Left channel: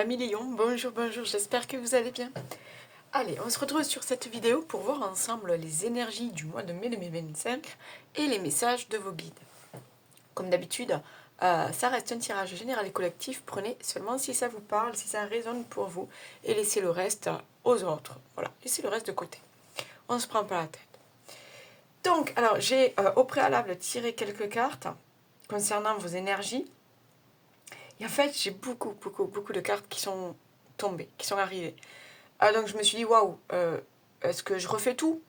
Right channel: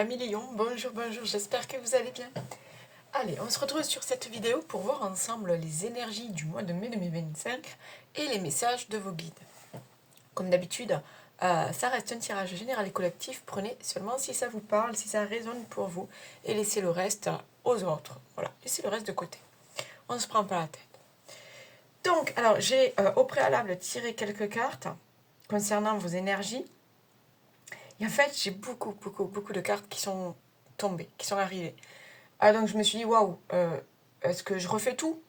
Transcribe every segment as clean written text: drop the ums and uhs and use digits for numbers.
Amis Léon, bonjour, bonjour, j'espère que vous allez bien. Allez, on se retrouve sur cette vidéo pour voir ensemble les énergies du mois de mai 2025 et les messages de vos guides. Comme d'habitude, ça reste un tirage général et collectif, prenez seulement si ça vous parle, si ça résonne pour vous, et laissez le reste aux autres. Voilà, laissez le reste de côté. On ne se prend pas la tête. Donc, alors, j'ai au préalable tiré quelques cartes concernant vos énergies. Et en fait, j'ai beaucoup de cartes qui sont tombées, qui sont arrivées. Ah, donc je me suis dit, waouh, est-ce que je refais tout?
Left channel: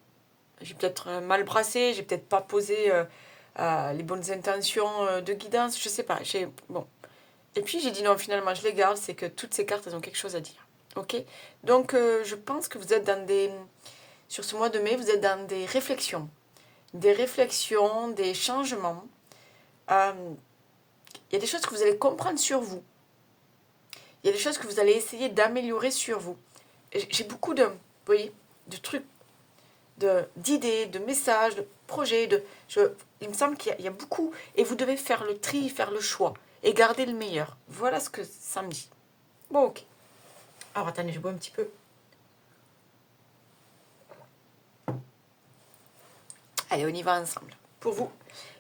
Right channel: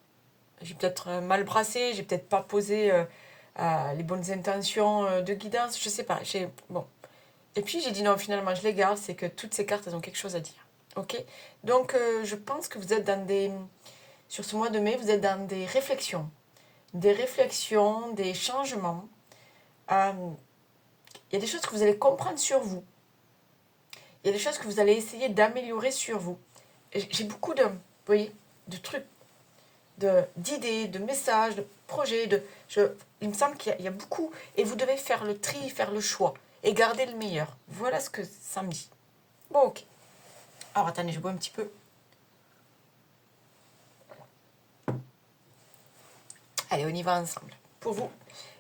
J'ai peut-être mal brassé, j'ai peut-être pas posé les bonnes intentions de guidance, je sais pas. Bon. Et puis j'ai dit non, finalement, je les garde, c'est que toutes ces cartes, elles ont quelque chose à dire. Ok? Donc je pense que vous êtes dans des. Sur ce mois de mai, vous êtes dans des réflexions. Des réflexions, des changements. Il y a des choses que vous allez comprendre sur vous. Il y a des choses que vous allez essayer d'améliorer sur vous. J'ai beaucoup de, vous voyez, de trucs, d'idées, de messages, de projets. Il me semble qu'il y a beaucoup. Et vous devez faire le tri, faire le choix. Et garder le meilleur. Voilà ce que ça me dit. Bon, ok. Alors, attendez, je bois un petit peu. Allez, on y va ensemble. Pour vous,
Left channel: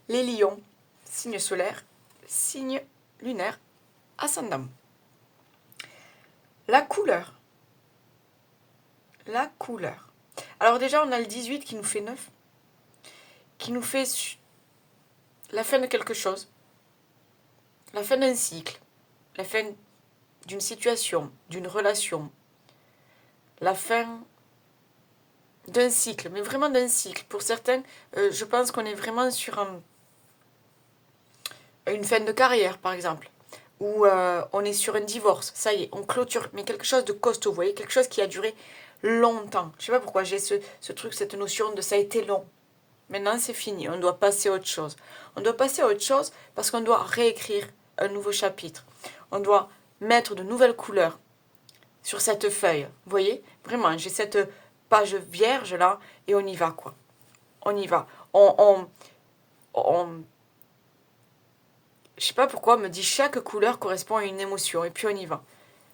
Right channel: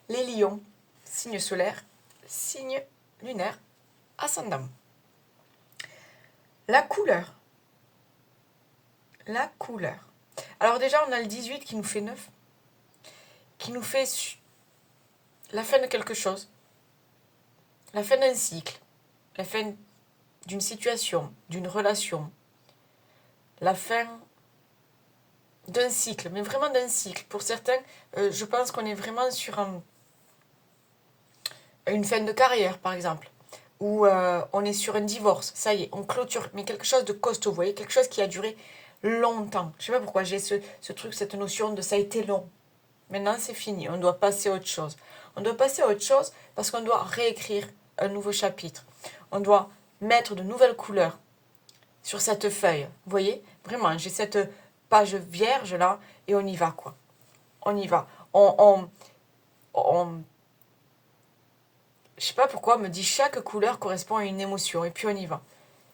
les lions, signe solaire, signe lunaire, ascendant. La couleur. La couleur. Alors déjà, on a le 18 qui nous fait 9. Qui nous fait la fin de quelque chose. La fin d'un cycle. La fin d'une situation, d'une relation. La fin d'un cycle, mais vraiment d'un cycle. Pour certains, je pense qu'on est vraiment sur une fin de carrière, par exemple. Ou on est sur un divorce. Ça y est, on clôture. Mais quelque chose de costaud, vous voyez, quelque chose qui a duré longtemps. Je sais pas pourquoi j'ai ce truc, cette notion de ça a été long. Maintenant, c'est fini. On doit passer à autre chose. On doit passer à autre chose parce qu'on doit réécrire un nouveau chapitre. On doit mettre de nouvelles couleurs sur cette feuille. Vous voyez? Vraiment, j'ai cette page vierge là et on y va, quoi. On y va. Je sais pas pourquoi, on me dit chaque couleur correspond à une émotion et puis on y va.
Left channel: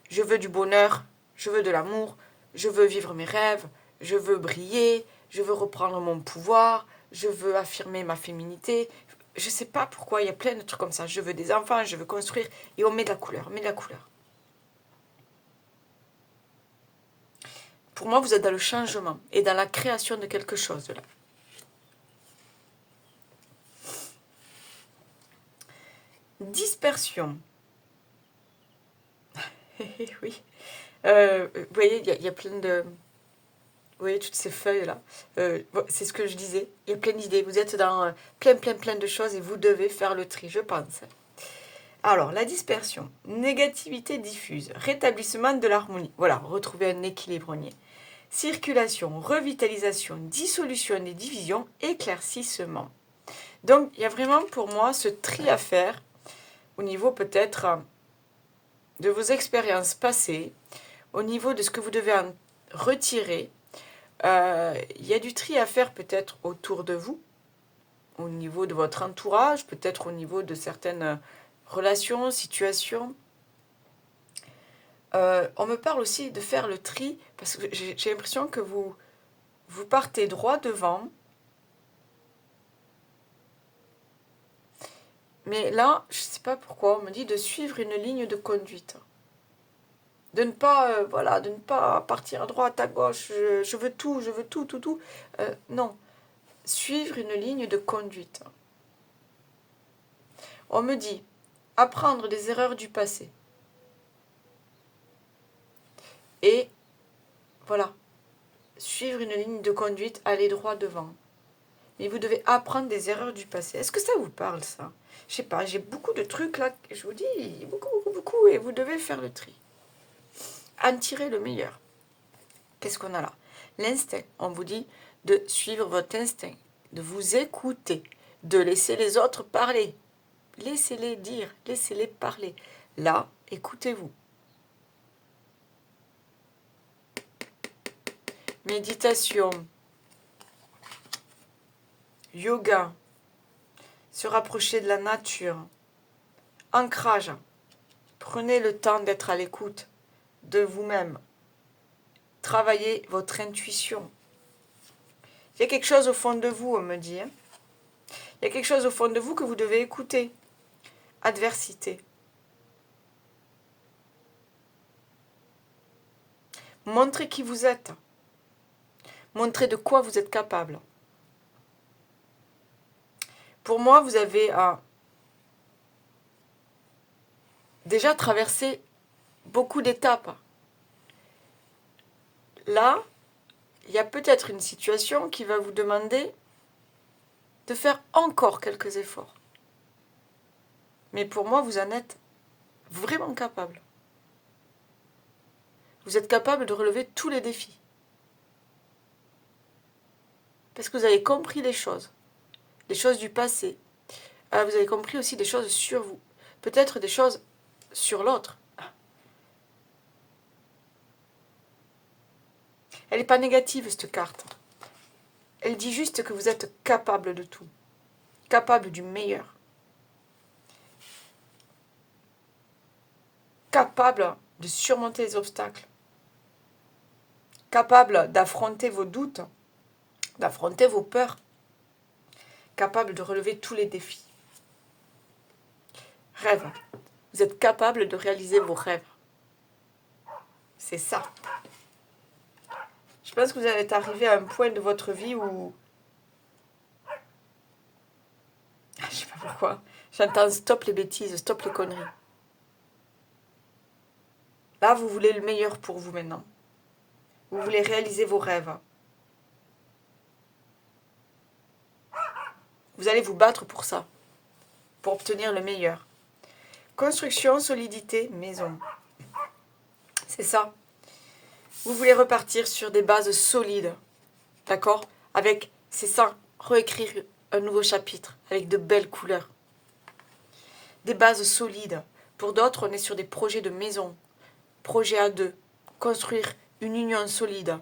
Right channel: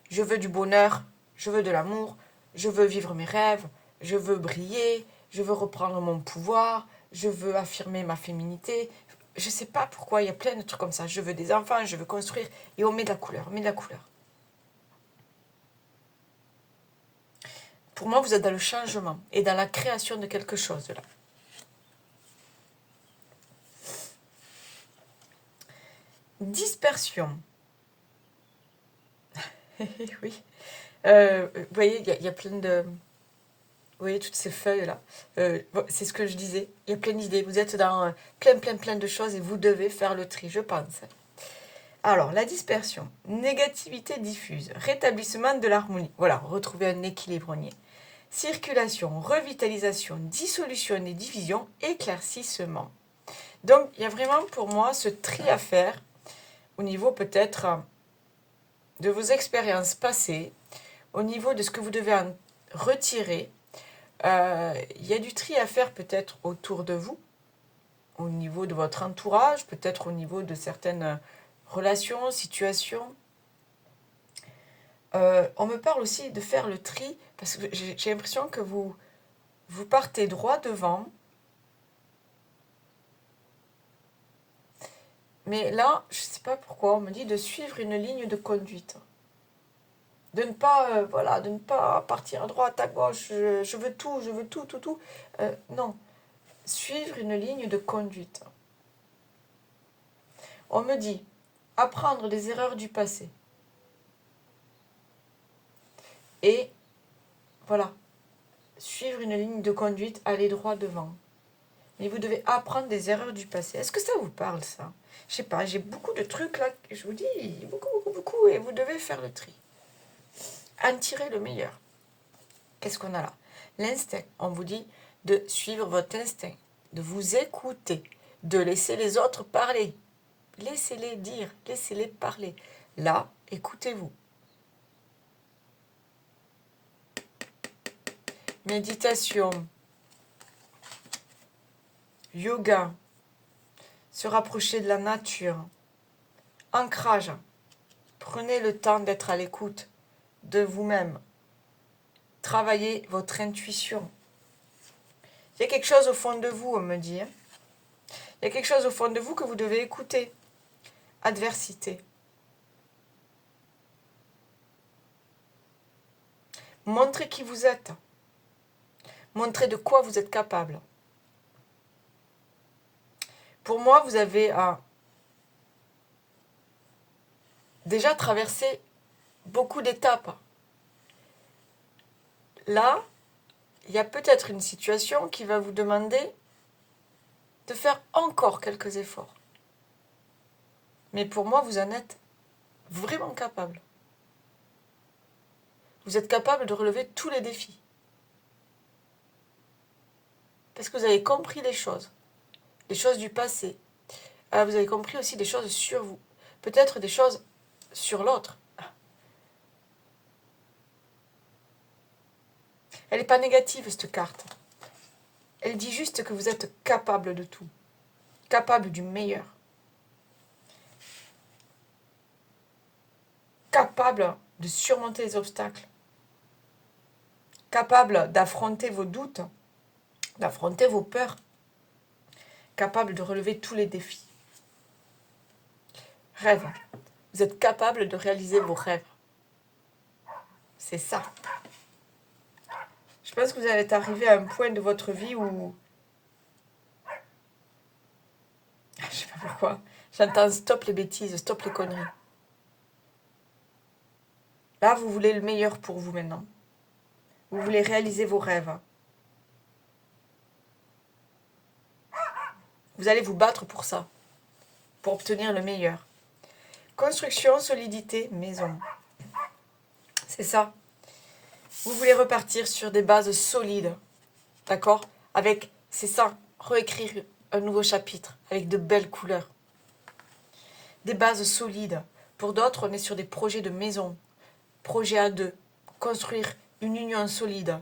Je veux du bonheur, je veux de l'amour, je veux vivre mes rêves, je veux briller, je veux reprendre mon pouvoir, je veux affirmer ma féminité. Je sais pas pourquoi, il y a plein de trucs comme ça. Je veux des enfants, je veux construire et on met de la couleur, on met de la couleur. Pour moi, vous êtes dans le changement et dans la création de quelque chose là. Dispersion. Oui. Vous voyez, il y a plein de... Vous voyez toutes ces feuilles-là. C'est ce que je disais. Il y a plein d'idées. Vous êtes dans plein de choses et vous devez faire le tri, je pense. Alors, la dispersion. Négativité diffuse. Rétablissement de l'harmonie. Voilà, retrouver un équilibre. Circulation, revitalisation, dissolution des divisions, éclaircissement. Donc, il y a vraiment pour moi ce tri à faire au niveau peut-être de vos expériences passées, au niveau de ce que vous devez en retirer. Il y a du tri à faire peut-être autour de vous, au niveau de votre entourage, peut-être au niveau de certaines relations, situations. On me parle aussi de faire le tri, parce que j'ai l'impression que vous partez droit devant. Mais là, je ne sais pas pourquoi, on me dit de suivre une ligne de conduite. De ne pas, voilà, de ne pas partir à droite, à gauche, je veux tout, tout. Non, suivre une ligne de conduite. On me dit apprendre des erreurs du passé. Et voilà, suivre une ligne de conduite, aller droit devant. Mais vous devez apprendre des erreurs du passé. Est-ce que ça vous parle, ça? Je sais pas, j'ai beaucoup de trucs là, je vous dis, beaucoup, et vous devez faire le tri. En tirer le meilleur. Qu'est-ce qu'on a là? L'instinct. On vous dit de suivre votre instinct, de vous écouter, de laisser les autres parler. Laissez-les dire, laissez-les parler. Là, écoutez-vous. Méditation, yoga, se rapprocher de la nature, ancrage. Prenez le temps d'être à l'écoute. de vous-même. Travaillez votre intuition. Il y a quelque chose au fond de vous, on me dit. Il y a quelque chose au fond de vous que vous devez écouter. Adversité. Montrez qui vous êtes. Montrez de quoi vous êtes capable. Pour moi, vous avez déjà traversé beaucoup d'étapes. Là, il y a peut-être une situation qui va vous demander de faire encore quelques efforts. Mais pour moi, vous en êtes vraiment capable. Vous êtes capable de relever tous les défis. Parce que vous avez compris les choses du passé. Vous avez compris aussi des choses sur vous. Peut-être des choses sur l'autre. Elle n'est pas négative, cette carte. Elle dit juste que vous êtes capable de tout. Capable du meilleur. Capable de surmonter les obstacles. Capable d'affronter vos doutes, d'affronter vos peurs. Capable de relever tous les défis. Rêve. Vous êtes capable de réaliser vos rêves. C'est ça. Je pense que vous allez arriver à un point de votre vie où... Je sais pas pourquoi. J'entends stop les bêtises, stop les conneries. Là, vous voulez le meilleur pour vous maintenant. Vous voulez réaliser vos rêves. Vous allez vous battre pour ça. Pour obtenir le meilleur. Construction, solidité, maison. C'est ça. Vous voulez repartir sur des bases solides. D'accord? Avec, c'est ça, réécrire un nouveau chapitre avec de belles couleurs. Des bases solides. Pour d'autres, on est sur des projets de maison. Projet à deux. Construire une union solide.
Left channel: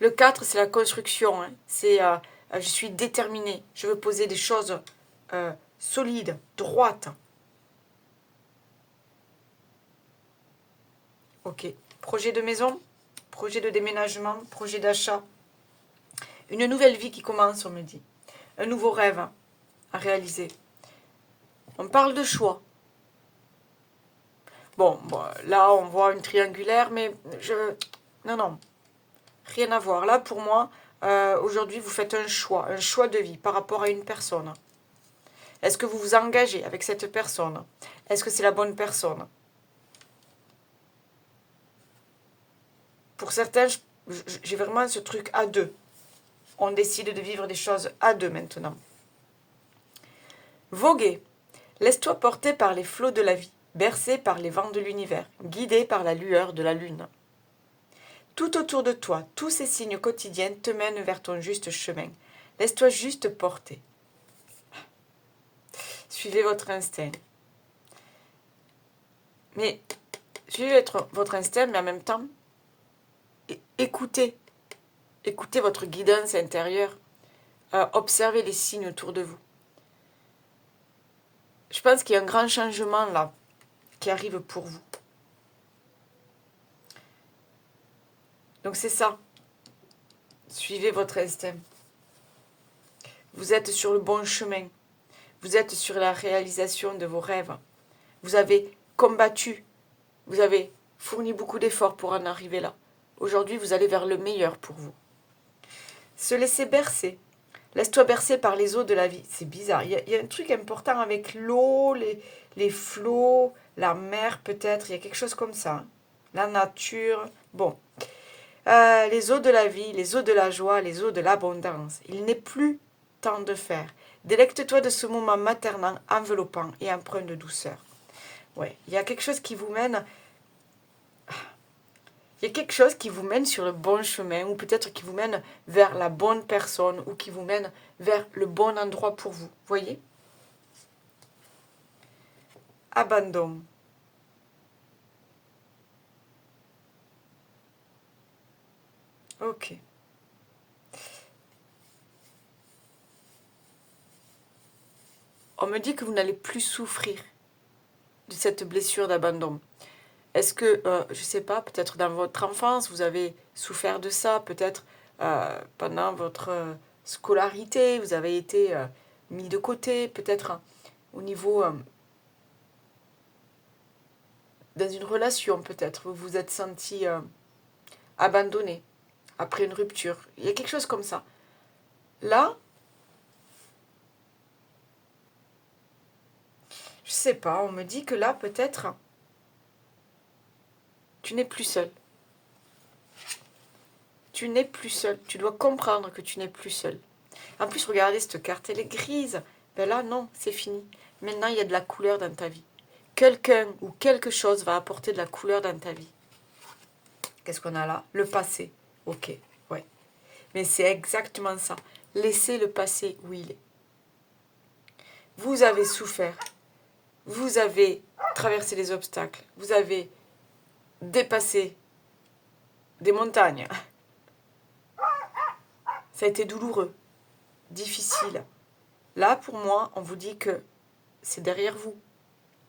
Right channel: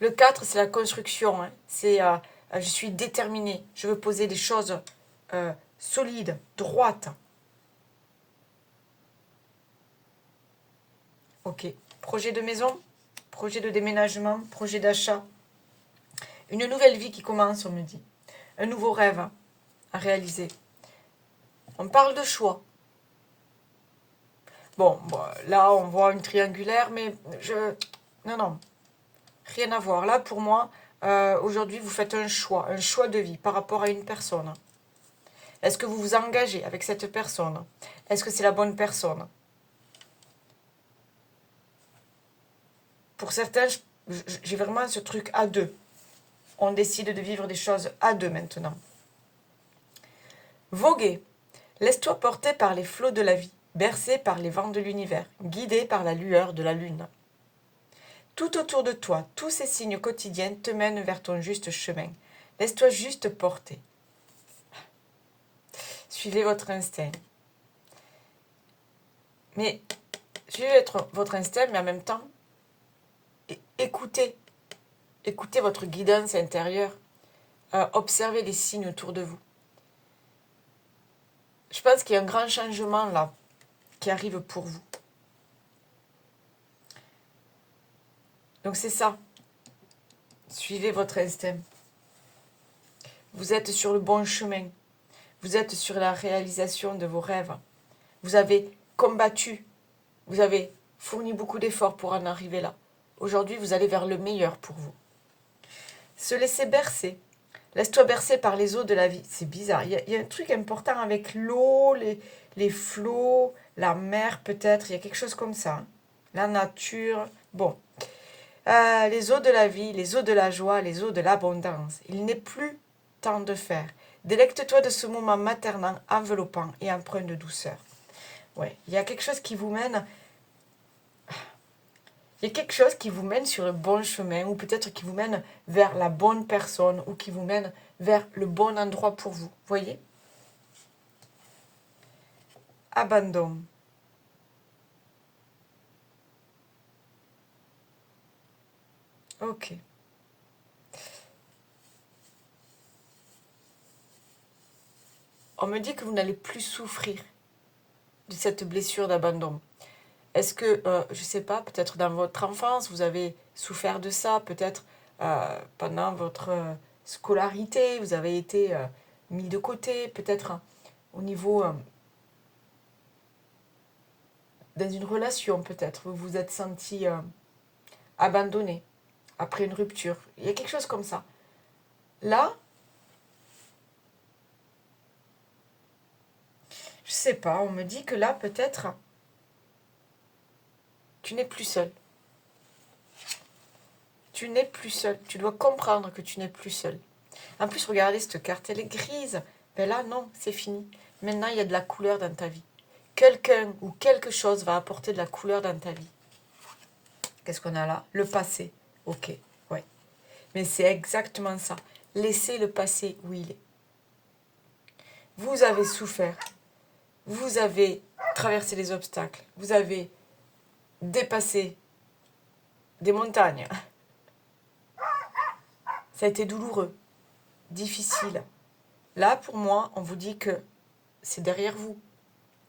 Le 4, c'est la construction. Hein. C'est je suis déterminée. Je veux poser des choses solides, droites. Ok. Projet de maison, projet de déménagement, projet d'achat. Une nouvelle vie qui commence, on me dit. Un nouveau rêve à réaliser. On parle de choix. Bon, là, on voit une triangulaire, mais non. Rien à voir. Là, pour moi, aujourd'hui, vous faites un choix de vie par rapport à une personne. Est-ce que vous vous engagez avec cette personne? Est-ce que c'est la bonne personne? Pour certains, j'ai vraiment ce truc à deux. On décide de vivre des choses à deux maintenant. Voguer. Laisse-toi porter par les flots de la vie, bercé par les vents de l'univers, guidé par la lueur de la lune. Tout autour de toi, tous ces signes quotidiens te mènent vers ton juste chemin. Laisse-toi juste porter. Suivez votre instinct. Mais suivez votre instinct, mais en même temps, écoutez. Écoutez votre guidance intérieure. Observez les signes autour de vous. Je pense qu'il y a un grand changement là qui arrive pour vous. Donc c'est ça. Suivez votre instinct. Vous êtes sur le bon chemin. Vous êtes sur la réalisation de vos rêves. Vous avez combattu. Vous avez fourni beaucoup d'efforts pour en arriver là. Aujourd'hui, vous allez vers le meilleur pour vous. Se laisser bercer. Laisse-toi bercer par les eaux de la vie. C'est bizarre. Il y a un truc important avec l'eau, les flots, la mer peut-être. Il y a quelque chose comme ça. Hein. La nature. Bon. Les eaux de la vie, les eaux de la joie, les eaux de l'abondance. Il n'est plus temps de faire. Délecte-toi de ce moment maternant, enveloppant et empreint de douceur. Ouais, il y a quelque chose qui vous mène... Il y a quelque chose qui vous mène sur le bon chemin, ou peut-être qui vous mène vers la bonne personne, ou qui vous mène vers le bon endroit pour vous. Voyez? Abandon. Ok. On me dit que vous n'allez plus souffrir de cette blessure d'abandon. Est-ce que, je ne sais pas, peut-être dans votre enfance, vous avez souffert de ça, peut-être pendant votre scolarité, vous avez été mis de côté, peut-être au niveau, dans une relation, peut-être, vous vous êtes senti abandonné après une rupture. Il y a quelque chose comme ça. Là, je sais pas, on me dit que là, peut-être, tu n'es plus seul. Tu n'es plus seul. Tu dois comprendre que tu n'es plus seul. En plus, regardez cette carte, elle est grise. Ben là, non, c'est fini. Maintenant, il y a de la couleur dans ta vie. Quelqu'un ou quelque chose va apporter de la couleur dans ta vie. Qu'est-ce qu'on a là? Le passé. Ok, ouais. Mais c'est exactement ça. Laissez le passé où il est. Vous avez souffert. Vous avez traversé les obstacles. Vous avez dépassé des montagnes. Ça a été douloureux, difficile. Là, pour moi, on vous dit que c'est derrière vous.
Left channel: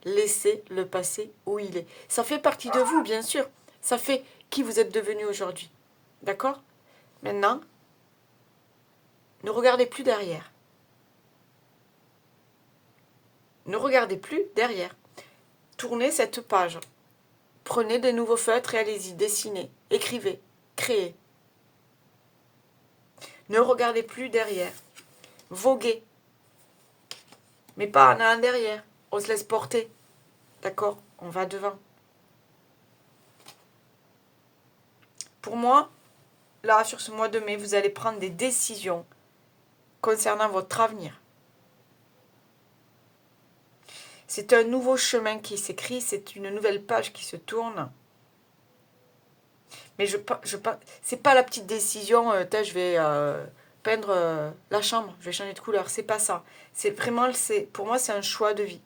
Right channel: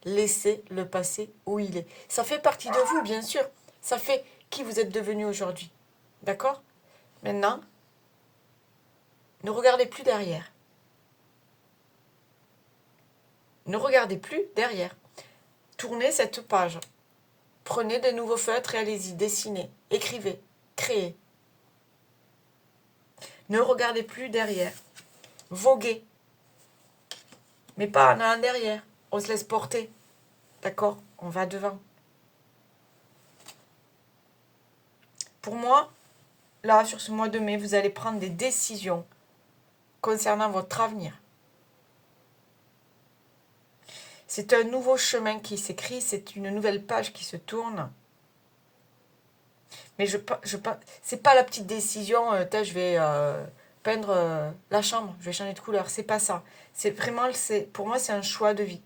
Laissez le passé où il est. Ça fait partie de vous, bien sûr. Ça fait qui vous êtes devenu aujourd'hui. D'accord? Maintenant, ne regardez plus derrière. Ne regardez plus derrière. Tournez cette page. Prenez de nouveaux feutres et allez-y, dessinez, écrivez, créez. Ne regardez plus derrière. Voguez. Mais pas en allant derrière. On se laisse porter. D'accord? On va devant. Pour moi, là, sur ce mois de mai, vous allez prendre des décisions concernant votre avenir. C'est un nouveau chemin qui s'écrit, c'est une nouvelle page qui se tourne. Mais c'est pas la petite décision, je vais peindre la chambre, je vais changer de couleur. C'est pas ça. C'est vraiment, pour moi, c'est un choix de vie.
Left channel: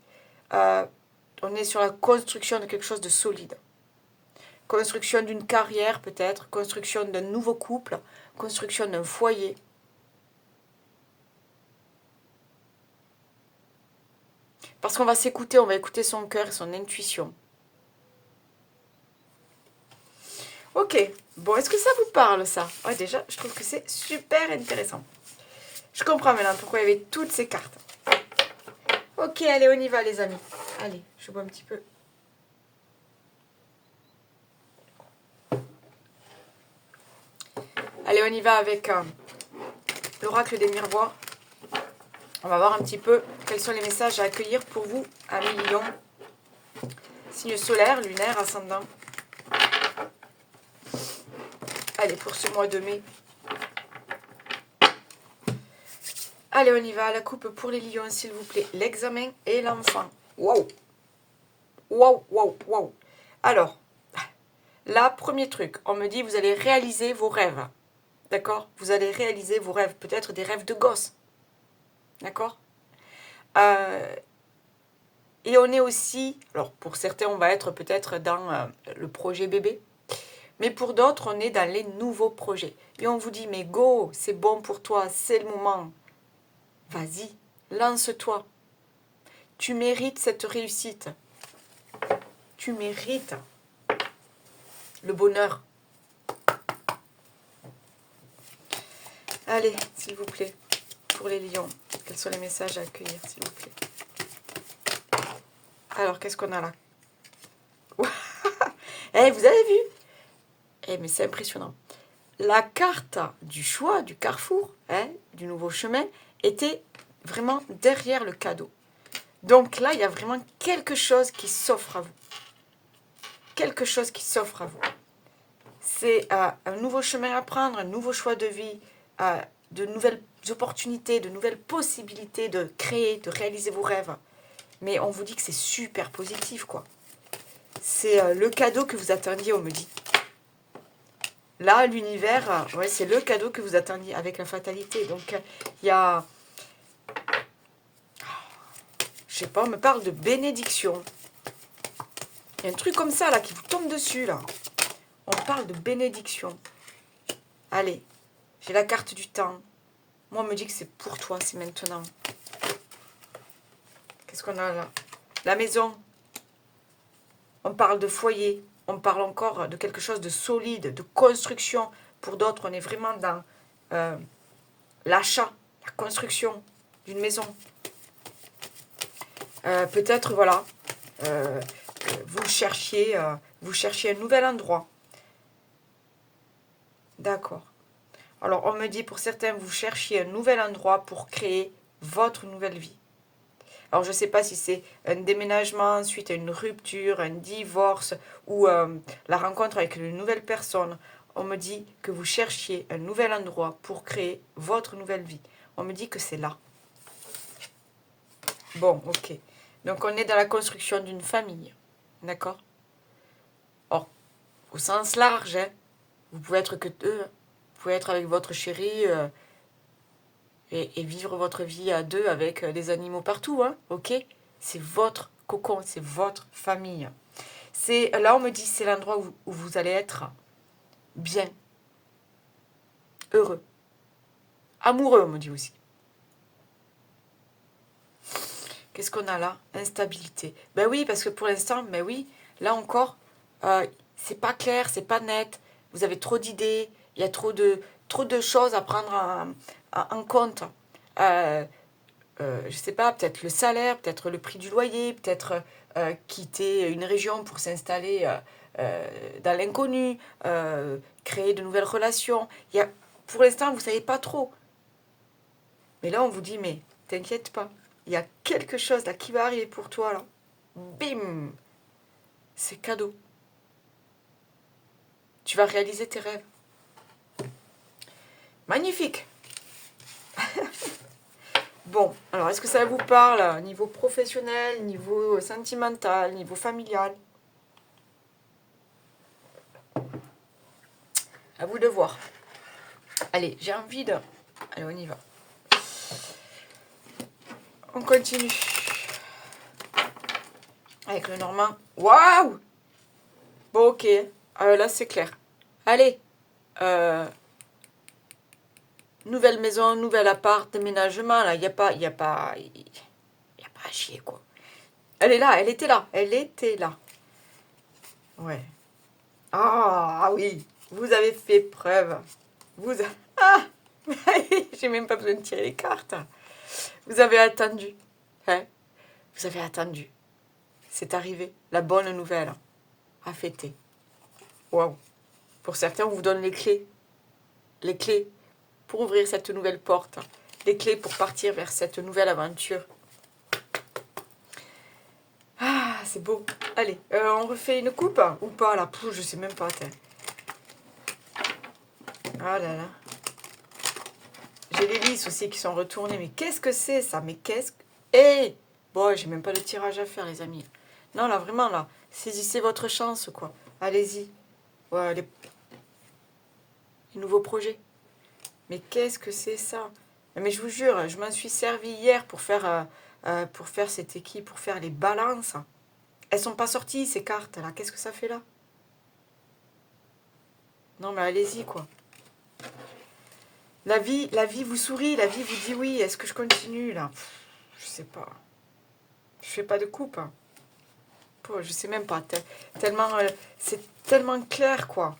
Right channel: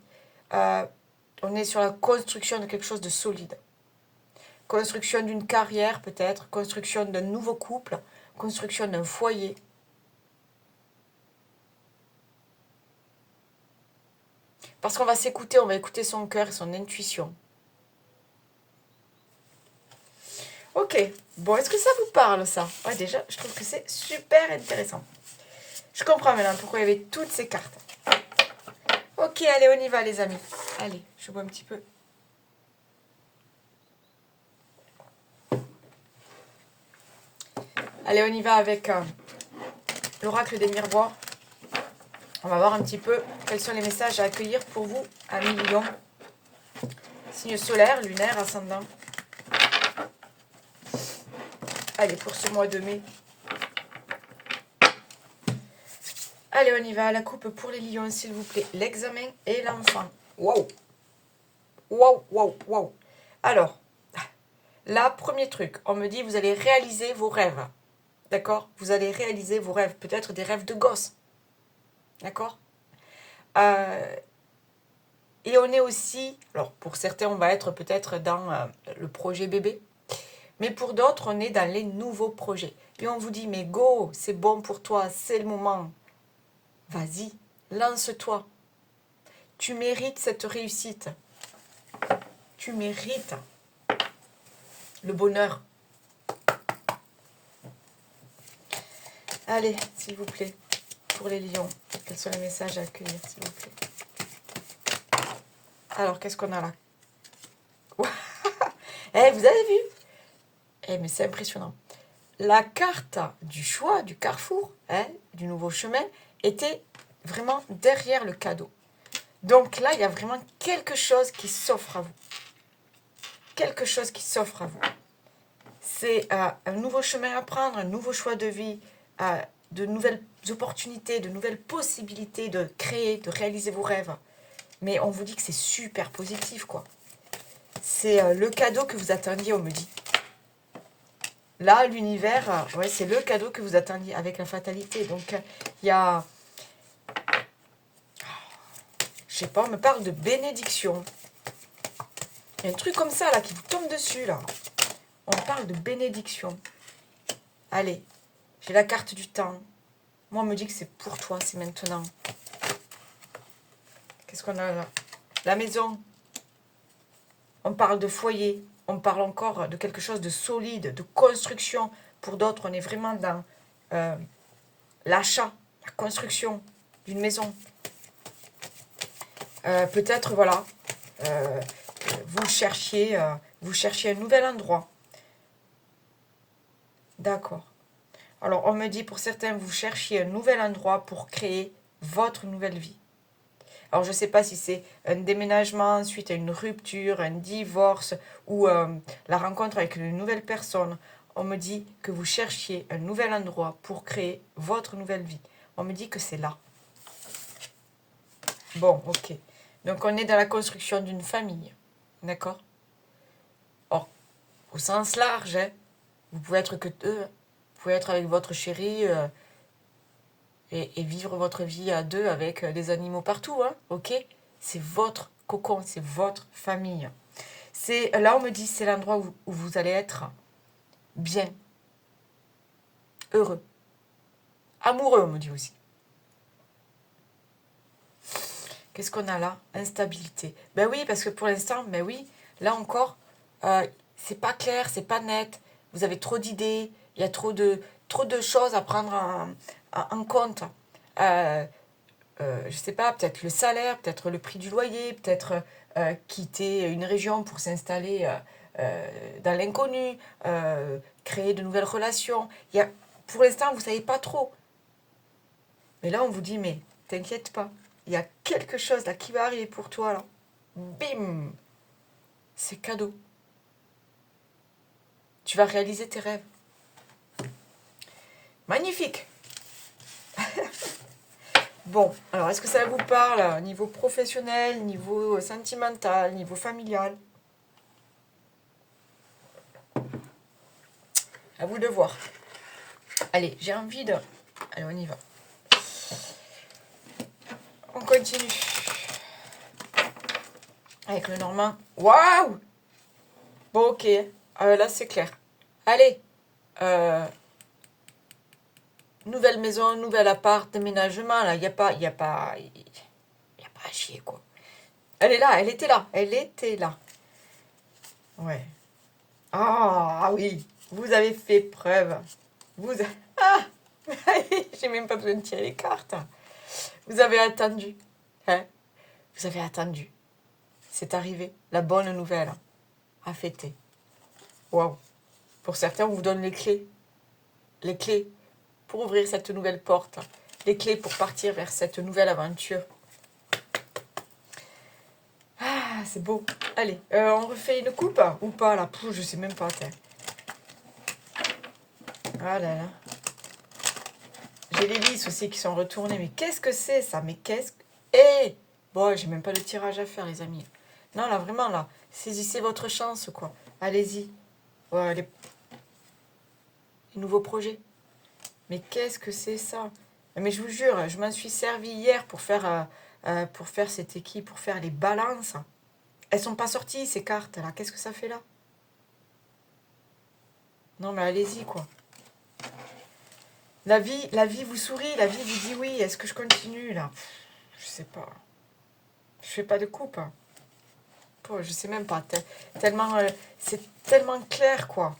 On est sur la construction de quelque chose de solide. Construction d'une carrière peut-être, construction d'un nouveau couple, construction d'un foyer. Parce qu'on va s'écouter, on va écouter son cœur et son intuition. Ok, bon, est-ce que ça vous parle ça? Ouais, déjà, je trouve que c'est super intéressant. Je comprends maintenant pourquoi il y avait toutes ces cartes. Ok, allez, on y va les amis. Allez, je bois un petit peu. Allez, on y va avec l'oracle des miroirs. On va voir un petit peu quels sont les messages à accueillir pour vous à mi-lion. Signe solaire, lunaire, ascendant. Allez, pour ce mois de mai. Allez, on y va. La coupe pour les lions, s'il vous plaît. L'examen et l'enfant. Waouh! Waouh, waouh, waouh. Alors, là, premier truc. On me dit, vous allez réaliser vos rêves. D'accord? Vous allez réaliser vos rêves. Peut-être des rêves de gosse. D'accord? Et on est aussi... Alors, pour certains, on va être peut-être dans le projet bébé. Mais pour d'autres, on est dans les nouveaux projets. Et on vous dit, mais go, c'est bon pour toi, c'est le moment. Vas-y, lance-toi. Tu mérites cette réussite. Tu mérites le bonheur. Allez, s'il vous plaît, pour les lions, quels sont les messages à accueillir, s'il vous plaît? Alors, qu'est-ce qu'on a là? Eh, vous avez vu? Eh, mais c'est impressionnant. La carte du choix, du carrefour, du nouveau chemin, était vraiment derrière le cadeau. Donc là, il y a vraiment quelque chose qui s'offre à vous. Quelque chose qui s'offre à vous. C'est un nouveau chemin à prendre, un nouveau choix de vie, de nouvelles opportunités, de nouvelles possibilités de créer, de réaliser vos rêves. Mais on vous dit que c'est super positif, quoi. C'est le cadeau que vous attendiez, on me dit. Là, l'univers, ouais, c'est le cadeau que vous attendiez avec la fatalité. Donc, il y a... Je sais pas, on me parle de bénédiction. Il y a un truc comme ça, là, qui vous tombe dessus, là. On parle de bénédiction. Allez, j'ai la carte du temps. Moi, on me dit que c'est pour toi, c'est maintenant. Qu'est-ce qu'on a là? La maison. on parle de foyer, on parle encore de quelque chose de solide, de construction. Pour d'autres, on est vraiment dans l'achat, la construction d'une maison. Peut-être, voilà, vous cherchiez un nouvel endroit. D'accord. Alors, on me dit, pour certains, vous cherchiez un nouvel endroit pour créer votre nouvelle vie. Alors, je ne sais pas si c'est un déménagement suite à une rupture, un divorce ou la rencontre avec une nouvelle personne. On me dit que vous cherchiez un nouvel endroit pour créer votre nouvelle vie. On me dit que c'est là. Bon, ok. Donc, on est dans la construction d'une famille. D'accord? Or, au sens large, hein, vous pouvez être que deux. Vous pouvez être avec votre chéri et vivre votre vie à deux avec des animaux partout. Hein, ok? C'est votre cocon, c'est votre famille. Là, on me dit c'est l'endroit où vous allez être bien, heureux, amoureux, on me dit aussi. Qu'est-ce qu'on a là? Instabilité. Ben oui, parce que pour l'instant, ben oui, là encore, c'est pas clair, c'est pas net. Vous avez trop d'idées, il y a trop de choses à prendre en compte. Je sais pas, peut-être le salaire, peut-être le prix du loyer, peut-être quitter une région pour s'installer dans l'inconnu, créer de nouvelles relations. Pour l'instant, vous ne savez pas trop. Mais là, on vous dit, mais t'inquiète pas, il y a quelque chose là qui va arriver pour toi là. Bim! C'est cadeau. Tu vas réaliser tes rêves. Magnifique! Bon, alors est-ce que ça vous parle niveau professionnel, niveau sentimental, niveau familial? À vous de voir. Allez, j'ai envie de... Allez, on y va. On continue. Avec le Normand. Waouh! Bon, ok. Là, c'est clair. Allez. Nouvelle maison, nouvel appart, déménagement. Là, il n'y a pas à chier, quoi. Elle est là, elle était là. Elle était là. Ouais. Ah oui, vous avez fait preuve. Ah j'ai même pas besoin de tirer les cartes. Vous avez attendu. Hein? Vous avez attendu. C'est arrivé. La bonne nouvelle. À fêter. Waouh. Pour certains, on vous donne les clés. Les clés pour ouvrir cette nouvelle porte. Les clés pour partir vers cette nouvelle aventure. Ah, c'est beau. Allez, on refait une coupe ou pas là? Je sais même pas. Ah là là. J'ai les lisses aussi qui sont retournées. Mais qu'est-ce que c'est ça? Mais qu'est-ce que... Eh bon, j'ai même pas de tirage à faire, les amis. Non, là, vraiment, là. Saisissez votre chance, quoi. Allez-y. Ouais, les nouveaux projets. Mais qu'est-ce que c'est ça? Mais je vous jure, je m'en suis servi hier pour faire cette équipe, pour faire les balances. Elles sont pas sorties, ces cartes, là. Qu'est-ce que ça fait là? Non, mais allez-y, quoi. La vie vous sourit, la vie vous dit oui. Est-ce que je continue, là? Je sais pas. Je fais pas de coupe. Je sais même pas. Tellement, c'est tellement clair, quoi.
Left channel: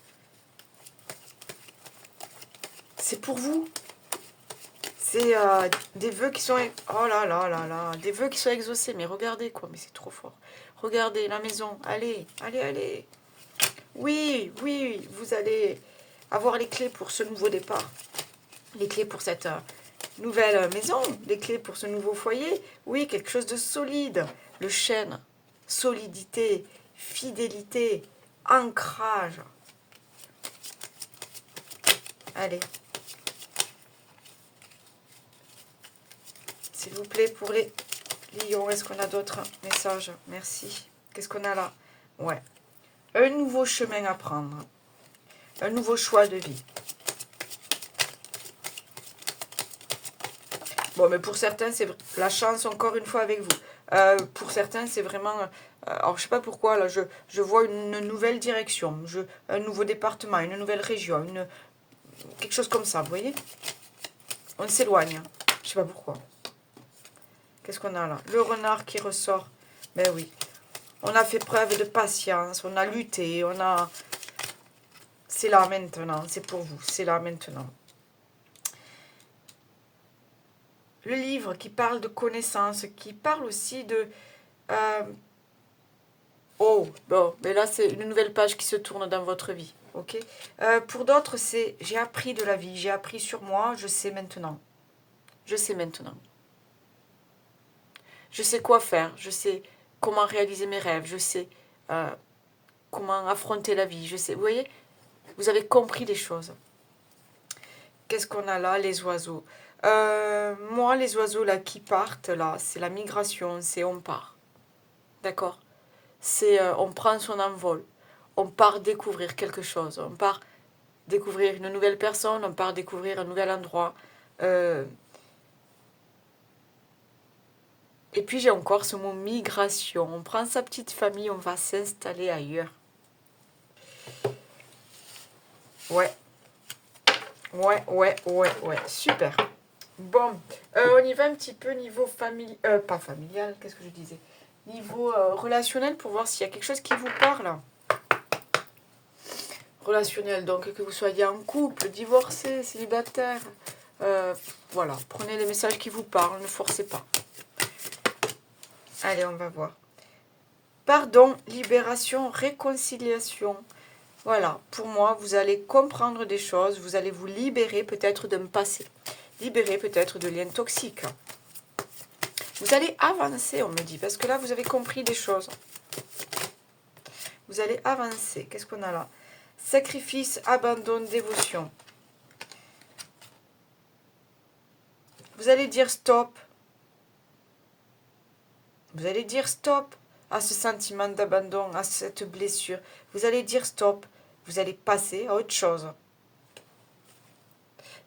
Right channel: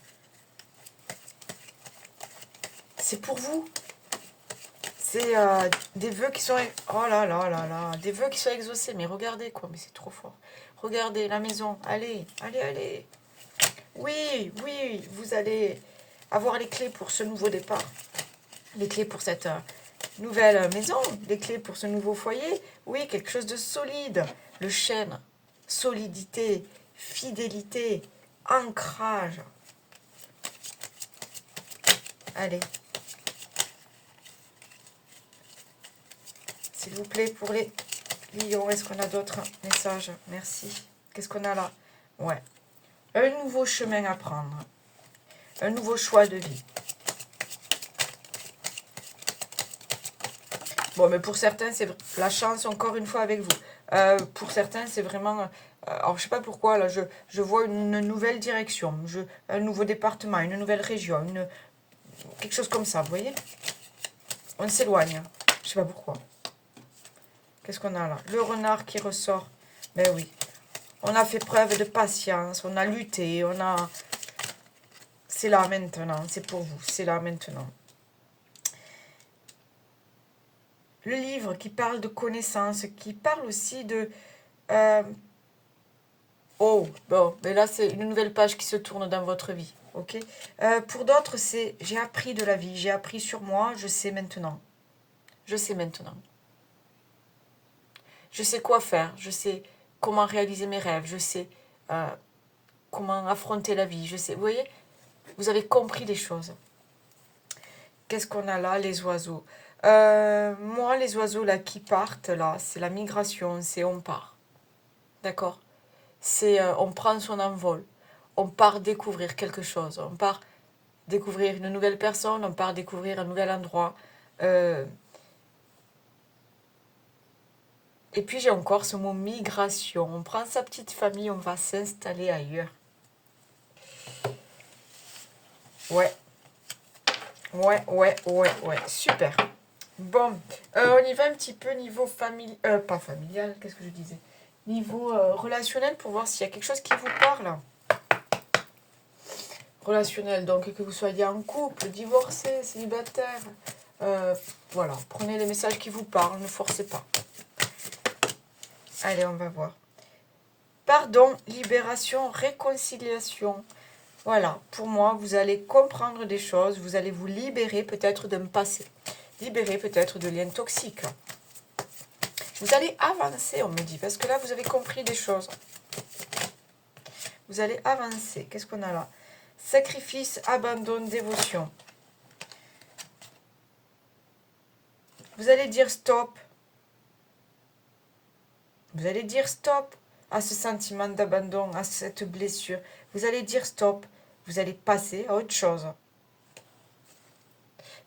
C'est pour vous. C'est des vœux qui sont... Oh là là là là. Des vœux qui sont exaucés. Mais regardez, quoi. Mais c'est trop fort. Regardez, la maison. Allez, allez, allez. Oui, oui, vous allez avoir les clés pour ce nouveau départ. Les clés pour cette nouvelle maison. Les clés pour ce nouveau foyer. Oui, quelque chose de solide. Le chêne. Solidité, fidélité, ancrage. Allez. S'il vous plaît, pour les lions, est-ce qu'on a d'autres messages? Merci. Qu'est-ce qu'on a là? Ouais. Un nouveau chemin à prendre. Un nouveau choix de vie. Bon, mais pour certains, c'est la chance, encore une fois, avec vous. Pour certains, c'est vraiment... alors, je sais pas pourquoi, là, je vois une nouvelle direction, un nouveau département, une nouvelle région, quelque chose comme ça, vous voyez? On s'éloigne. Je sais pas pourquoi. Qu'est-ce qu'on a là? Le renard qui ressort. Ben oui. On a fait preuve de patience, on a lutté, on a... C'est là maintenant, c'est pour vous, c'est là maintenant. Le livre qui parle de connaissance, qui parle aussi de... Oh, bon, mais là c'est une nouvelle page qui se tourne dans votre vie, ok. Pour d'autres, c'est j'ai appris de la vie, j'ai appris sur moi, je sais maintenant. Je sais maintenant. Je sais quoi faire, je sais comment réaliser mes rêves, je sais comment affronter la vie, je sais, vous voyez, vous avez compris des choses. Qu'est-ce qu'on a là, les oiseaux? Moi, les oiseaux là qui partent, là, c'est la migration, c'est on part, d'accord? C'est on prend son envol, on part découvrir quelque chose, on part découvrir une nouvelle personne, on part découvrir un nouvel endroit. Et puis j'ai encore ce mot migration. On prend sa petite famille, on va s'installer ailleurs. Ouais. Ouais. Super. Bon, on y va un petit peu niveau familial. Pas familial, qu'est-ce que je disais? Niveau relationnel pour voir s'il y a quelque chose qui vous parle. Relationnel, donc que vous soyez en couple, divorcé, célibataire. Voilà, prenez les messages qui vous parlent, ne forcez pas. Allez, on va voir. Pardon, libération, réconciliation. Voilà, pour moi, vous allez comprendre des choses, vous allez vous libérer peut-être d'un passé, libérer peut-être de liens toxiques. Vous allez avancer, on me dit, parce que là, vous avez compris des choses. Vous allez avancer. Qu'est-ce qu'on a là? Sacrifice, abandon, dévotion. Vous allez dire stop. Vous allez dire stop à ce sentiment d'abandon, à cette blessure. Vous allez dire stop. Vous allez passer à autre chose.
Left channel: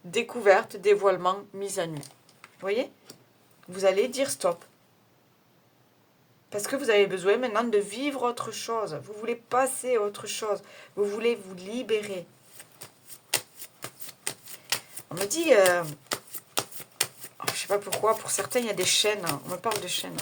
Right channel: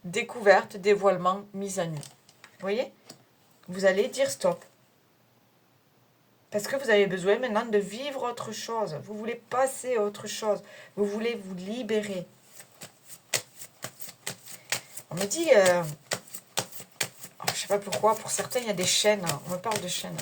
Découverte, dévoilement, mise à nu. Vous voyez? Vous allez dire stop. Parce que vous avez besoin maintenant de vivre autre chose. Vous voulez passer à autre chose. Vous voulez vous libérer. On me dit... je ne sais pas pourquoi. Pour certains, il y a des chaînes. On me parle de chaînes.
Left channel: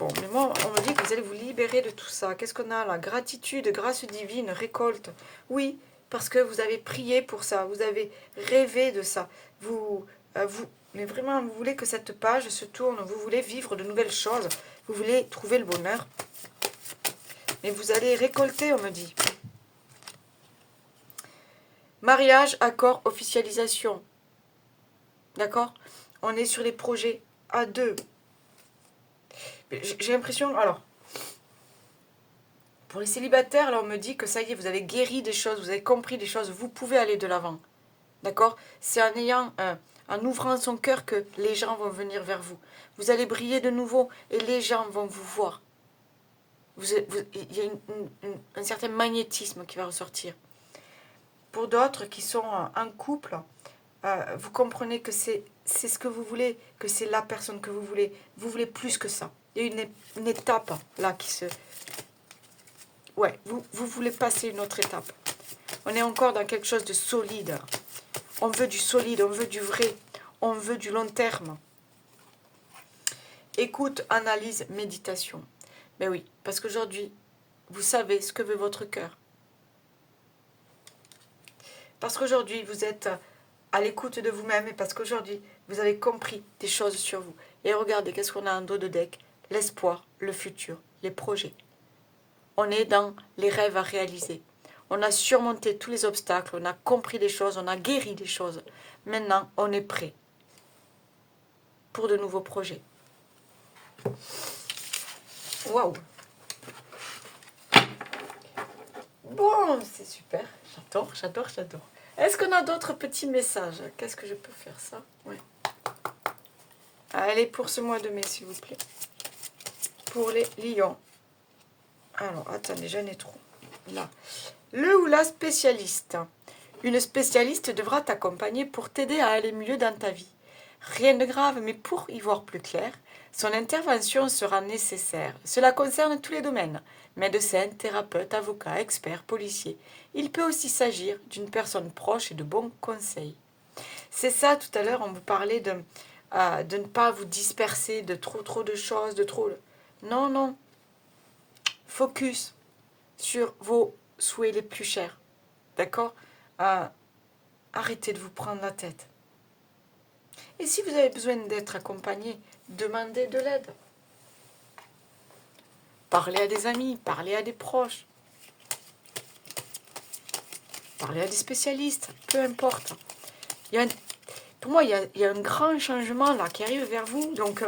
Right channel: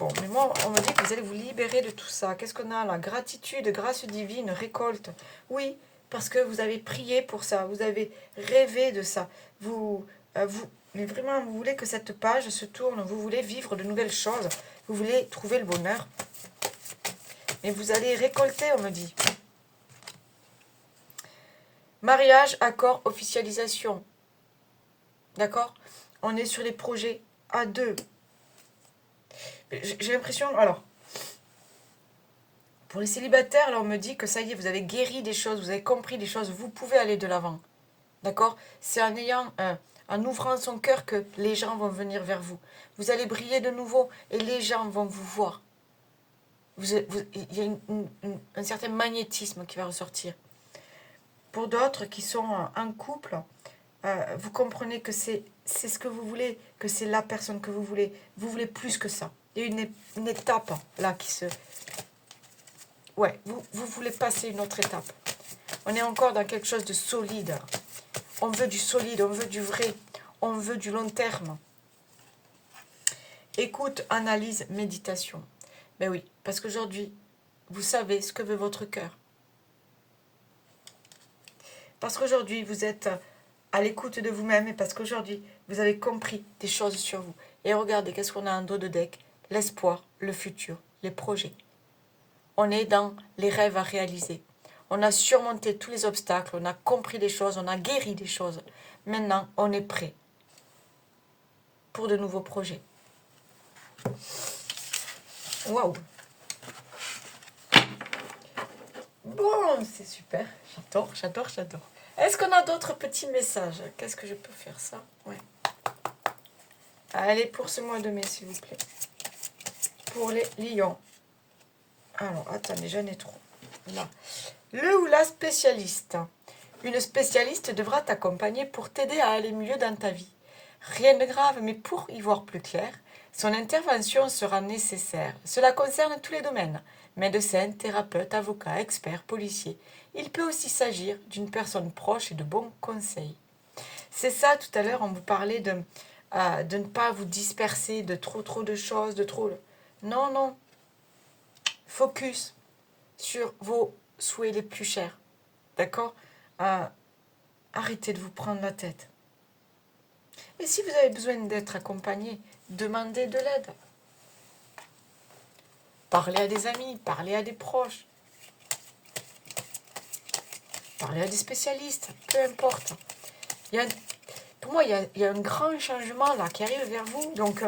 Bon, mais moi, on me dit que vous allez vous libérer de tout ça. Qu'est-ce qu'on a là? Gratitude, grâce divine, récolte. Oui, parce que vous avez prié pour ça. Vous avez rêvé de ça. Mais vraiment, vous voulez que cette page se tourne. Vous voulez vivre de nouvelles choses. Vous voulez trouver le bonheur. Mais vous allez récolter, on me dit. Mariage, accord, officialisation. D'accord? On est sur les projets à deux. J'ai l'impression... Alors, pour les célibataires, là, on me dit que ça y est, vous avez guéri des choses, vous avez compris des choses, vous pouvez aller de l'avant. D'accord? C'est en ouvrant son cœur que les gens vont venir vers vous. Vous allez briller de nouveau et les gens vont vous voir. Il y a un certain magnétisme qui va ressortir. Pour d'autres qui sont en couple, vous comprenez que c'est ce que vous voulez, que c'est la personne que vous voulez. Vous voulez plus que ça. Il y a une étape là qui se... Ouais, vous voulez passer une autre étape. On est encore dans quelque chose de solide. On veut du solide, on veut du vrai. On veut du long terme. Écoute, analyse, méditation. Ben oui, parce qu'aujourd'hui, vous savez ce que veut votre cœur. Parce qu'aujourd'hui, vous êtes à l'écoute de vous-même et parce qu'aujourd'hui, vous avez compris des choses sur vous. Et regardez, qu'est-ce qu'on a en dos de deck? L'espoir, le futur, les projets. On est dans les rêves à réaliser. On a surmonté tous les obstacles, on a compris des choses, on a guéri des choses. Maintenant, on est prêt pour de nouveaux projets. Waouh! Bon, c'est super. J'adore. Est-ce qu'on a d'autres petits messages? Qu'est-ce que je peux faire ça? Ouais. Allez, pour ce mois de mai, s'il vous plaît. Pour les lions. Alors, attendez, j'en ai trop. Là. Le ou la spécialiste. Une spécialiste devra t'accompagner pour t'aider à aller mieux dans ta vie. Rien de grave, mais pour y voir plus clair, son intervention sera nécessaire. Cela concerne tous les domaines. Médecin, thérapeute, avocat, expert, policier. Il peut aussi s'agir d'une personne proche et de bons conseils. C'est ça, tout à l'heure, on vous parlait de ne pas vous disperser de trop de choses, de trop... Non, non. Focus sur vos souhaits les plus chers. D'accord? Arrêtez de vous prendre la tête. Et si vous avez besoin d'être accompagné, demandez de l'aide. Parlez à des amis, parlez à des proches, parlez à des spécialistes, peu importe. Pour moi, il y a un grand changement là qui arrive vers vous. Donc,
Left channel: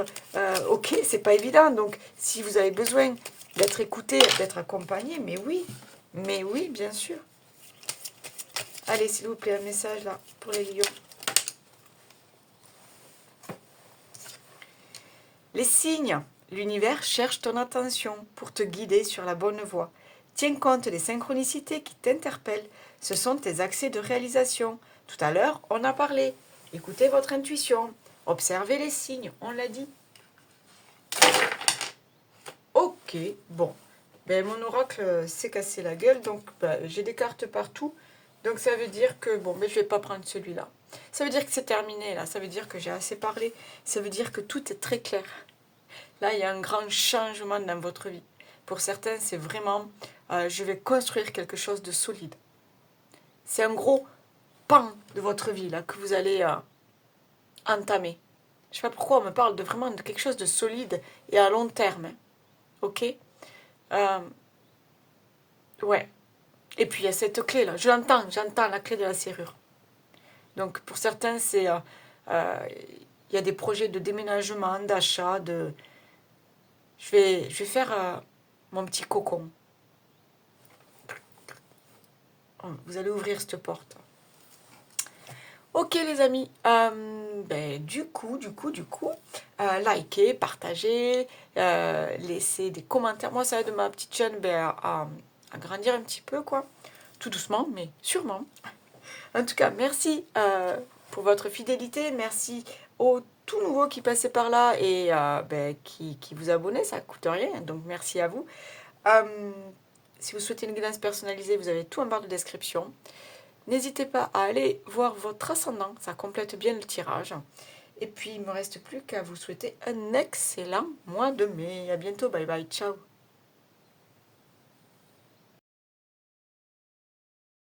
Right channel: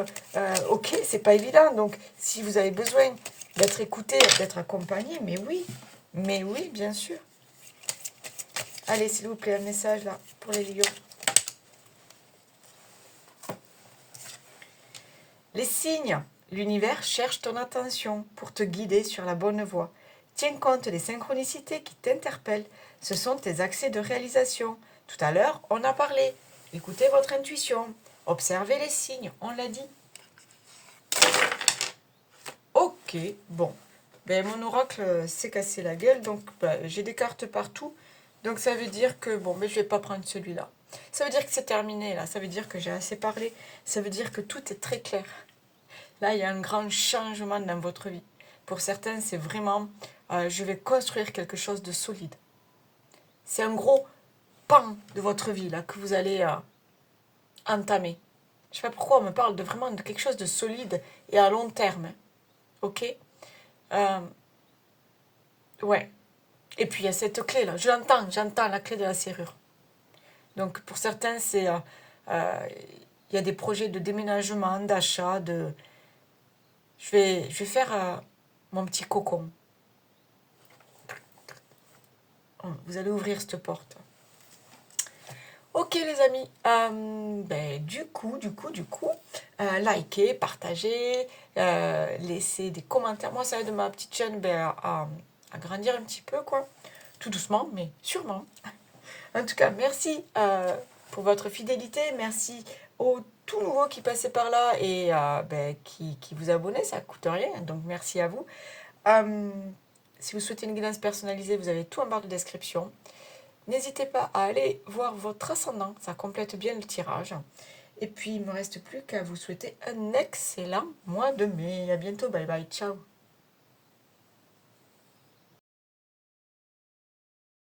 ok, c'est pas évident. Donc, si vous avez besoin d'être écouté, d'être accompagné, mais oui, bien sûr. Allez, s'il vous plaît, un message là pour les lions. Les signes. L'univers cherche ton attention pour te guider sur la bonne voie. Tiens compte des synchronicités qui t'interpellent. Ce sont tes accès de réalisation. Tout à l'heure, on a parlé. Écoutez votre intuition. Observez les signes, on l'a dit. Ok, bon. Ben, mon oracle s'est cassé la gueule, donc ben, j'ai des cartes partout. Donc ça veut dire que, bon, mais je ne vais pas prendre celui-là. Ça veut dire que c'est terminé, là. Ça veut dire que j'ai assez parlé. Ça veut dire que tout est très clair. Là, il y a un grand changement dans votre vie. Pour certains, c'est vraiment, je vais construire quelque chose de solide. C'est un gros pan de votre vie, là, que vous allez entamer. Je ne sais pas pourquoi on me parle de vraiment de quelque chose de solide et à long terme. Hein. Ok? Ouais. Et puis il y a cette clé là. J'entends la clé de la serrure. Donc pour certains, il y a des projets de déménagement, d'achat, de. Je vais faire mon petit cocon. Vous allez ouvrir cette porte. Ok les amis, du coup, likez, partagez, laissez des commentaires. Moi, ça aide ma petite chaîne à grandir un petit peu, quoi. Tout doucement, mais sûrement. En tout cas, merci pour votre fidélité. Merci aux tout nouveaux qui passaient par là et qui vous abonnaient. Ça ne coûte rien, donc merci à vous. Si vous souhaitez une guidance personnalisée, vous avez tout en barre de description. N'hésitez pas à aller voir votre ascendant, ça complète bien le tirage. Et puis, il ne me reste plus qu'à vous souhaiter un excellent mois de mai. À bientôt, bye bye, ciao.